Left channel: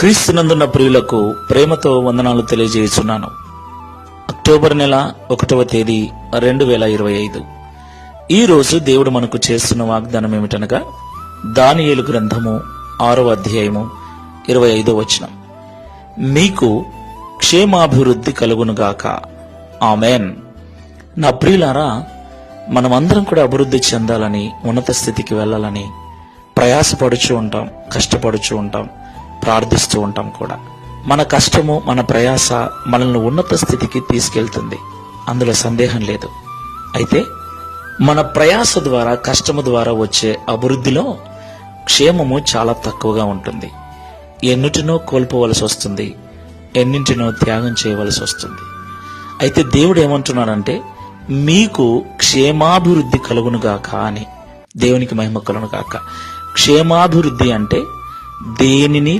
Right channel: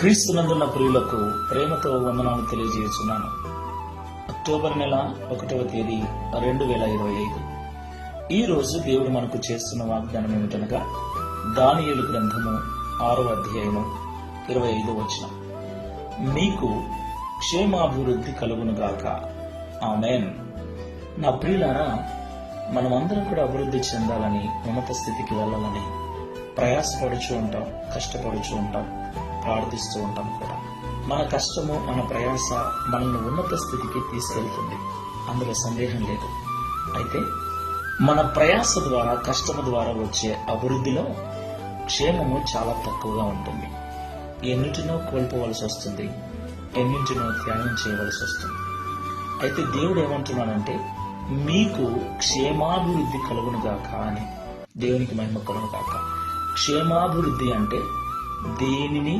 క్రీస్తునందున్న ప్రియులకు ప్రేమతో వందనాలు తెలియజేస్తున్నాను. అక్టోబర్ నెల 1వ తేదీ 2025. ఈ రోజు దేవుడు మనకు చేస్తున్న వాగ్దానం ఏమిటనగా దానియేలు గ్రంథము 6వ అధ్యాయము 25వ వచనం. మీకు క్షేమాభివృద్ధి కలుగునుగాక. ఆమెన్. నా ప్రియులారా, మనమందరం కూడా అభివృద్ధి చెందాలని, ఉన్నత స్థితికి వెళ్ళాలని ప్రయాసపడుచూ ఉంటాం, కష్టపడుచూ ఉంటాం, ప్రార్థిస్తూ ఉంటాం కూడా. మన కష్టము, మన ప్రయాస మనల్ని ఉన్నత స్థితికి తీసుకెళ్తుంది, అందులో సందేహం లేదు. అయితే మన ప్రయాస ద్వారా, కష్టము ద్వారా వచ్చే అభివృద్ధిలో క్షేమము చాలా తక్కువగా ఉంటుంది. ఎన్నిటినో కోల్పోవలసి వస్తుంది, ఎన్నింటినో త్యాగం చేయవలసి వస్తుంది. అయితే దేవుడు ఏమంటున్నాడంటే, మీకు క్షేమాభివృద్ధి కలుగునుగాక అని. దేవునికి మహిమ కలుగునుగాక. క్షేమాభివృద్ధి అంటే దేనిని